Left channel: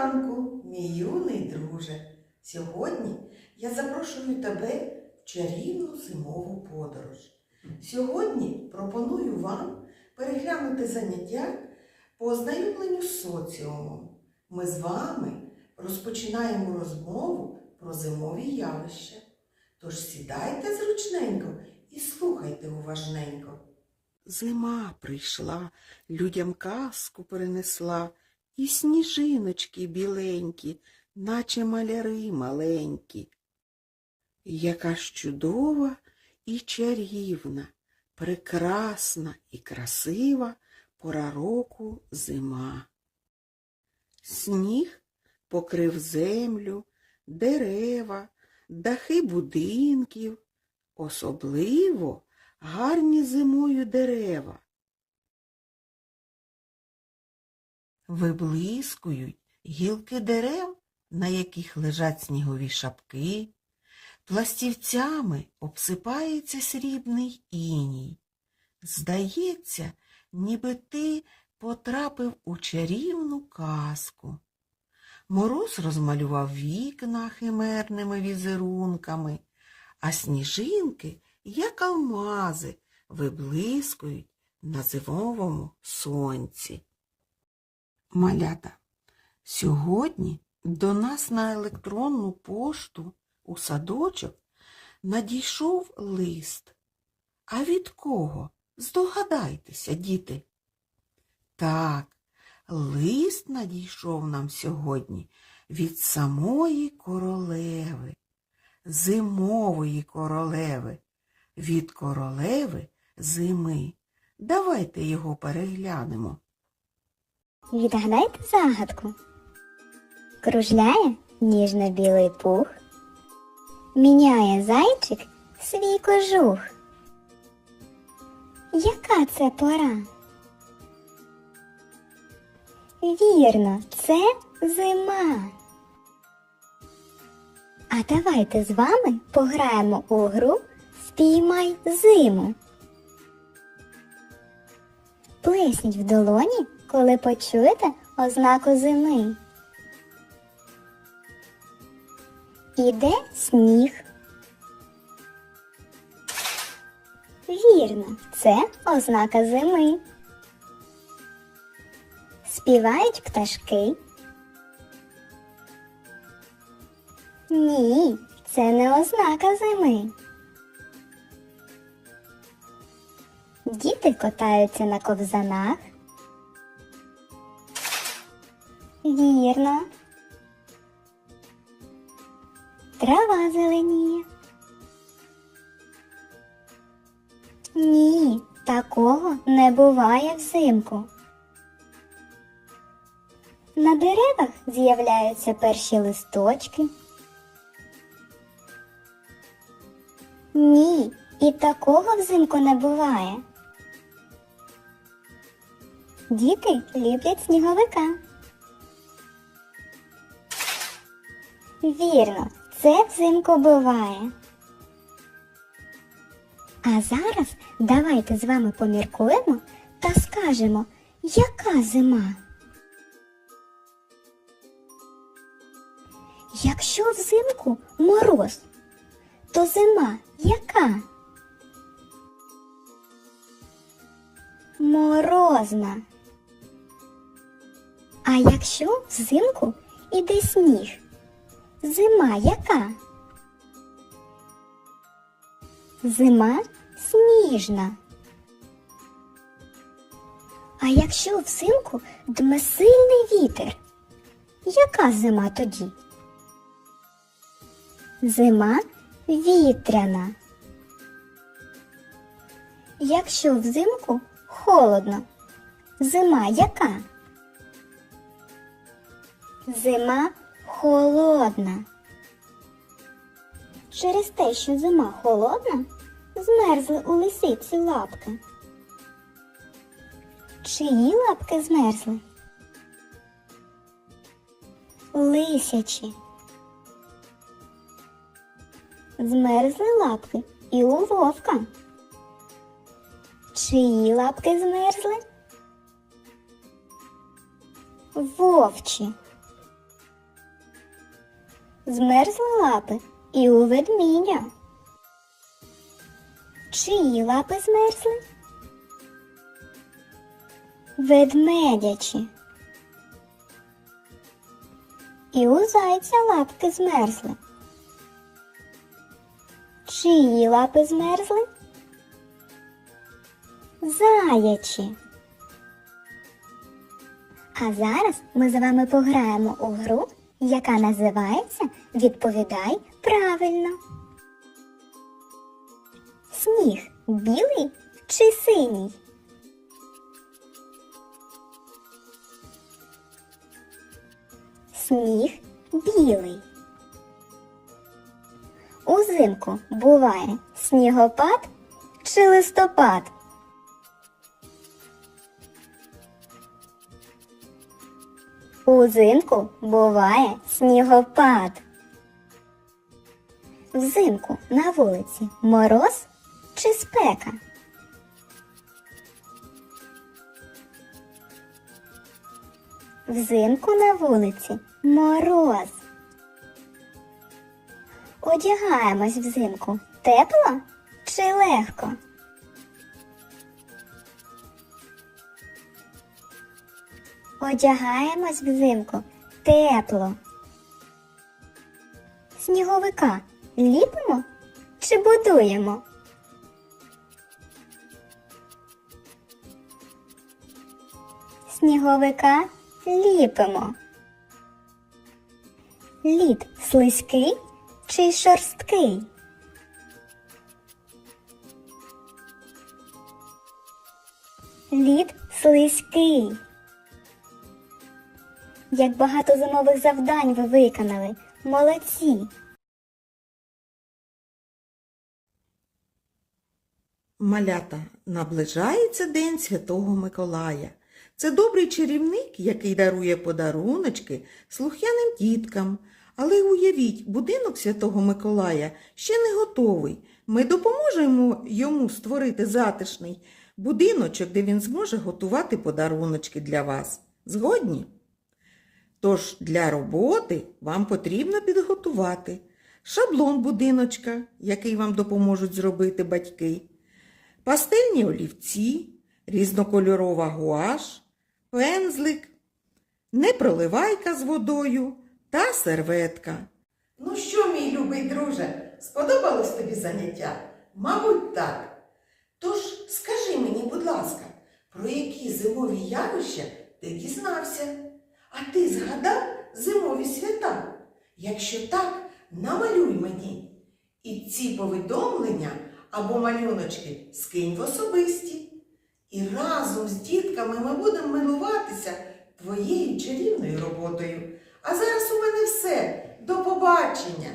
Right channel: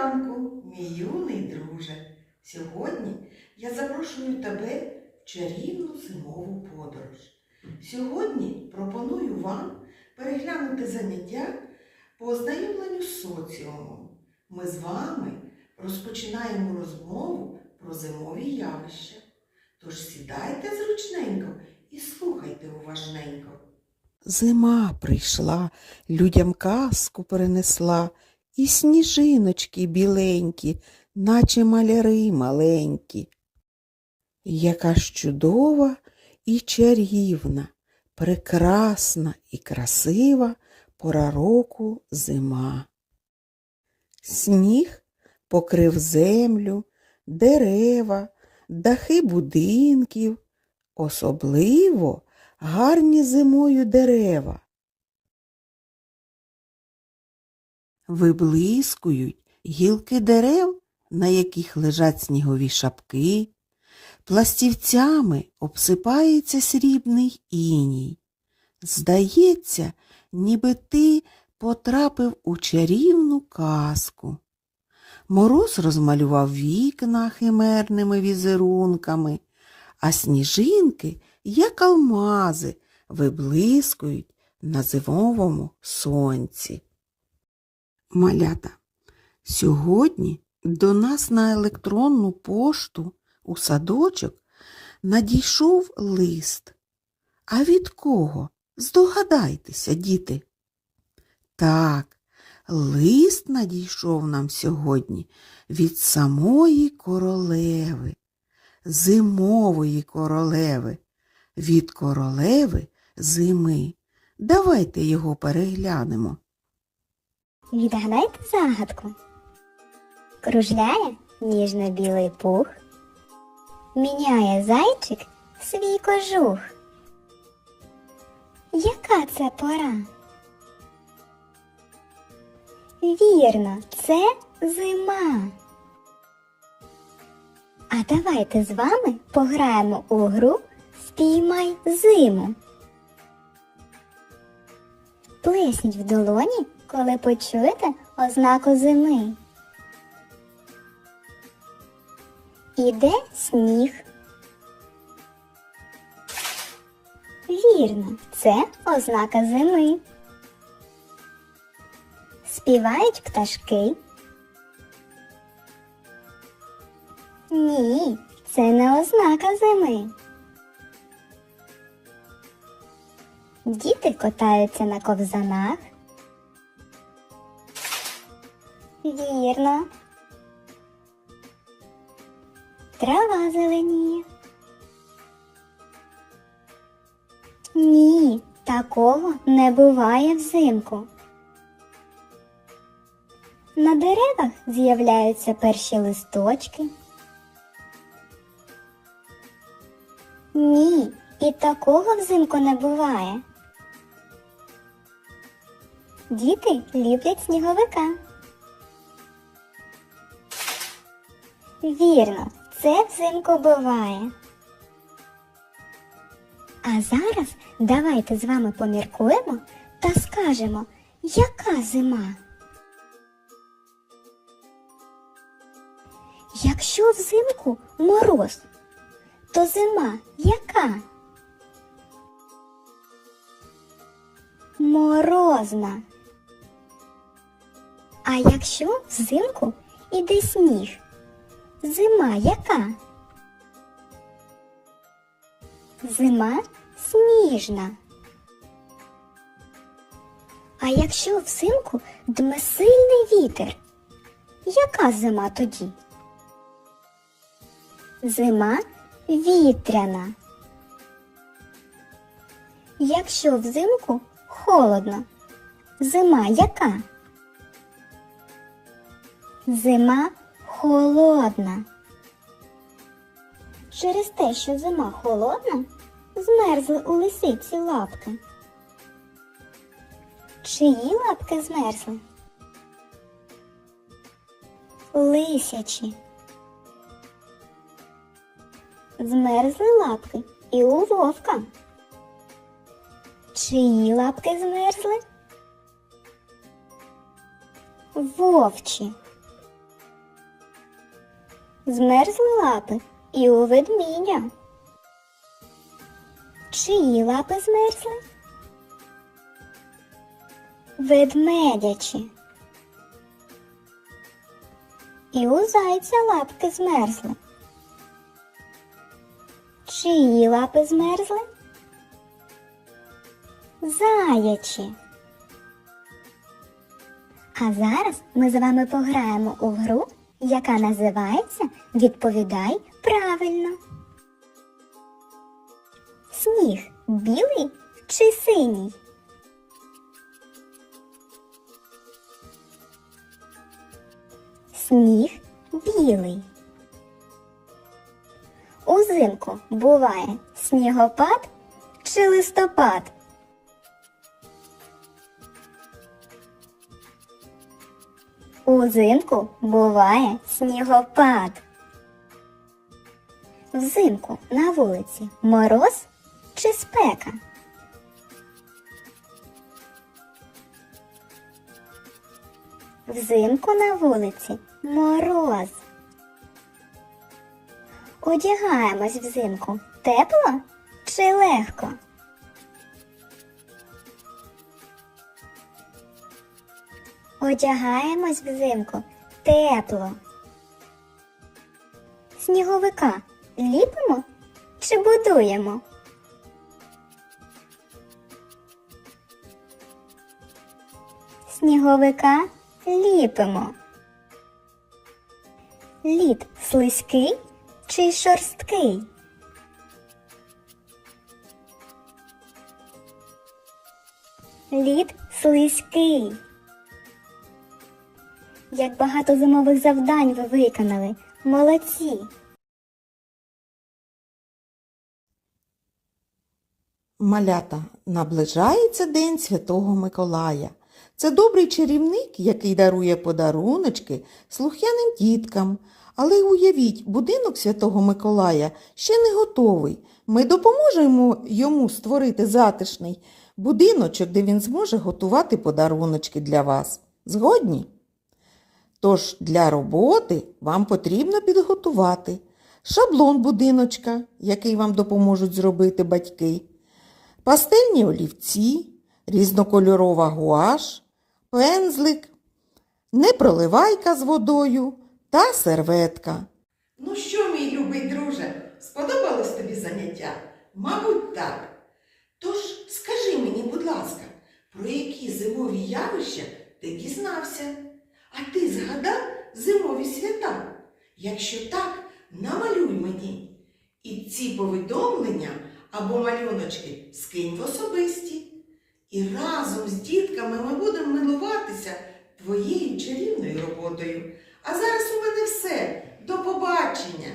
ранку, мій юний друже. Сьогодні я запрошую тебе в чарівну зимову подорож. Сьогодні пропоную вам переглянути заняття по ознайомленню з соціумом. Ми з вами розпочинаємо розмову про зимові явища. Тож сідайте зручненько і слухайте уважненько. Зима прийшла, людям казку перенесла, і сніжиночки біленькі, наче маляри маленькі. Яка ж чудова і чарівна, прекрасна і красива пора року зима. Сніг покрив землю, дерева, дахи будинків, особливо гарні зимою дерева. Виблискують гілки дерев, на яких лежать снігові шапки, пластівцями обсипається срібний іній. Здається, ніби ти потрапив у чарівну казку. Мороз розмалював вікна химерними візерунками, а сніжинки, як алмази, виблискують на зимовому сонці. Малята, сьогодні до нас на електронну пошту у садочок надійшов лист. А від кого? Здогадайтеся, діти. Так, лист надійшов нам сьогодні від самої королеви, зимової королеви, від королеви зими. Давайте його переглянемо. Відгадайте загадку. Кружляє ніжно-білий пух, міняє зайчик свій кожух. Яка це пора? Вірно, це зима. А давайте з вами пограємо у гру Спіймай зиму. Плесніть в долоні, коли почуєте ознаку зими. Іде сніг. Вірно, це ознака зими. Співають пташки. Ні, це не ознака зими. Діти катаються на ковзанах. Вірно. Трава зеленіє. Ні, такого не буває взимку. На деревах з'являються перші листочки. Ні, і такого взимку не буває. Діти люблять сніговика. Вірно, це взимку буває. А зараз давайте з вами поміркуємо та скажемо, яка зима. Якщо взимку мороз, то зима яка? Морозна. А якщо взимку іде сніг, зима яка? Зима сніжна. А якщо взимку дме сильний вітер, яка зима тоді? Зима вітряна. Якщо взимку холодно, зима яка? Зима холодна. Через те, що зима холодна, змерзли у лисиці лапки. Чиї лапки змерзли? Лисячі. Змерзли лапки і у вовка. Чиї лапки змерзли? Вовчі. Змерзли лапи і у ведмідя. Чиї лапи змерзли? Ведмедячі. І у зайця лапки змерзли. Чиї лапи змерзли? Заячі. А зараз ми з вами пограємо у гру, яка називається Відповідай правильно. Сніг білий чи синій? Сніг білий. Узимку буває снігопад чи листопад? Узимку буває снігопад. Взимку на вулиці мороз чи спека? Взимку на вулиці мороз. Одягаємось взимку тепло чи легко? Одягаємось взимку тепло. Сніговика ліпимо чи будуємо? Сніговика ліпимо. Лід слизький чи шорсткий? Лід слизький. Як багато зимових завдань ви виконали. Молодці! Малята, наближається День Святого Миколая. Це добрий чарівник, який дарує подаруночки слух'яним діткам. Але уявіть, будинок Святого Миколая ще не готовий. Ми допоможемо йому створити затишний будиночок, де він зможе готувати подаруночки для вас. Згодні? Тож для роботи вам потрібно підготувати шаблон будиночка, який вам допоможуть зробити батьки, пастельні олівці, різнокольорова гуаш, пензлик, непроливайка з водою та серветка. Ну що, мій любий друже, сподобалось тобі заняття? Мабуть, так. Тож скажи мені, будь ласка, про які зимові явища ти дізнався? А ти згадав зимові свята? Якщо так, намалюй мені. І ці повідомлення або малюночки скинь в особисті. І разом з дітками ми будемо милуватися твоєю чарівною роботою. А зараз у мене все. До побачення!